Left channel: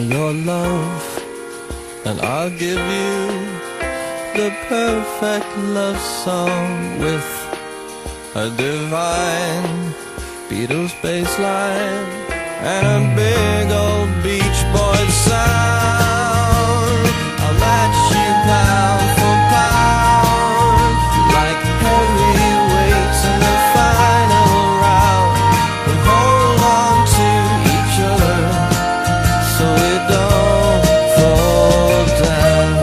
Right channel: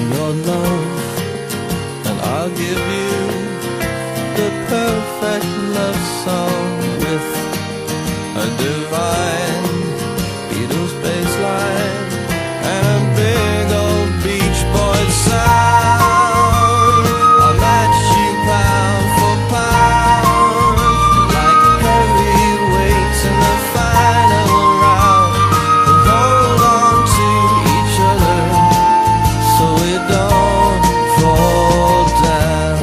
me your love, and I'll give you the perfect love song with a divine Beatles bass line and a big old Beach Boys sound. I'll match you pound for pound, like heavyweights in the final round. We'll hold on to each other so we don't fall down.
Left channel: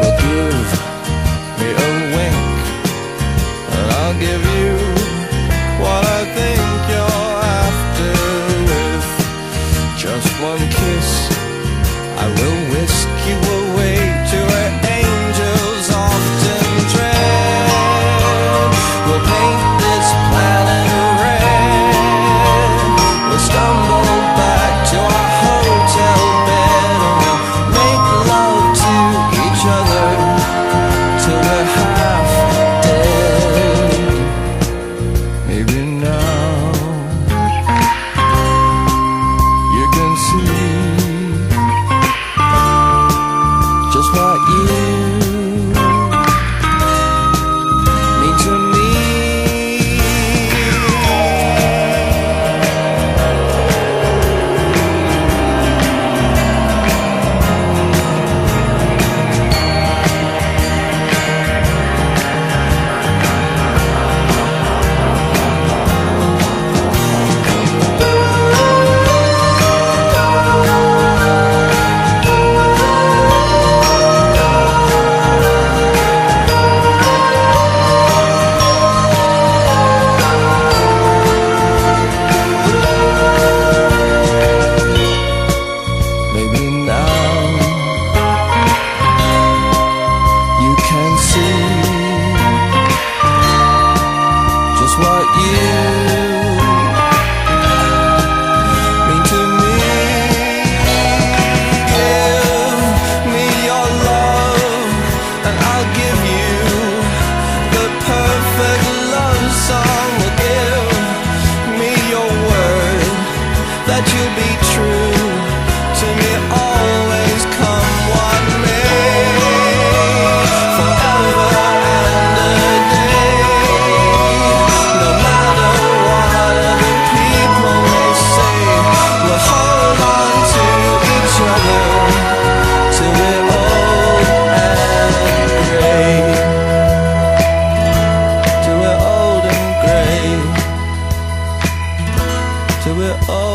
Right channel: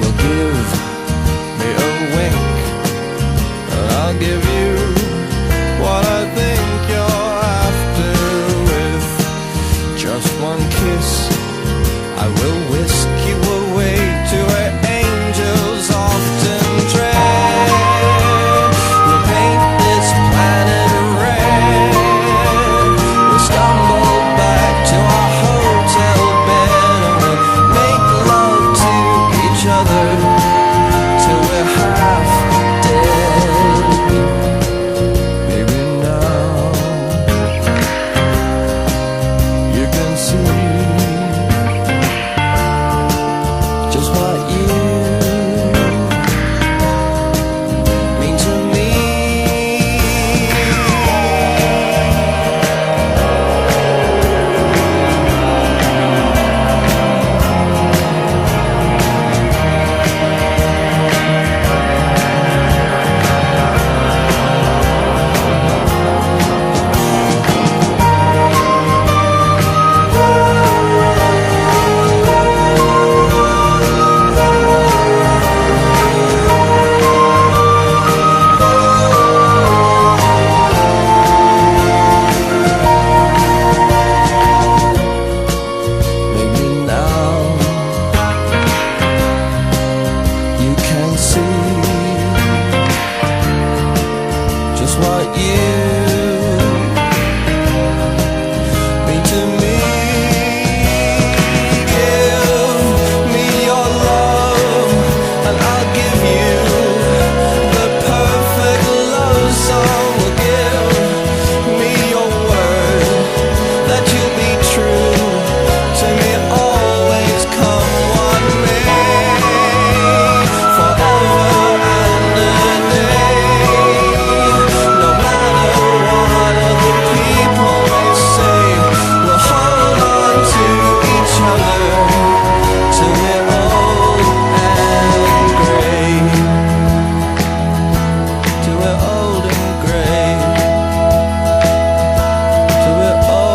Well, give me a wink and I'll give you what I think you're after. With just one kiss, I will whisk you away to where angels often tread. We'll paint this planet red. We'll stumble back to our hotel bed, and we'll make love to each other till we're half dead. Maybe now you can see just what you mean to me. Maybe now you can see just what you mean to me. Give me your love and I'll give you the perfect love song. Well, give me your word that you'll be true to me, always come what may, forever and a day. No matter what other people may say, we'll hold on to each other till we're old and grey. Till we're old and grey. Till we're old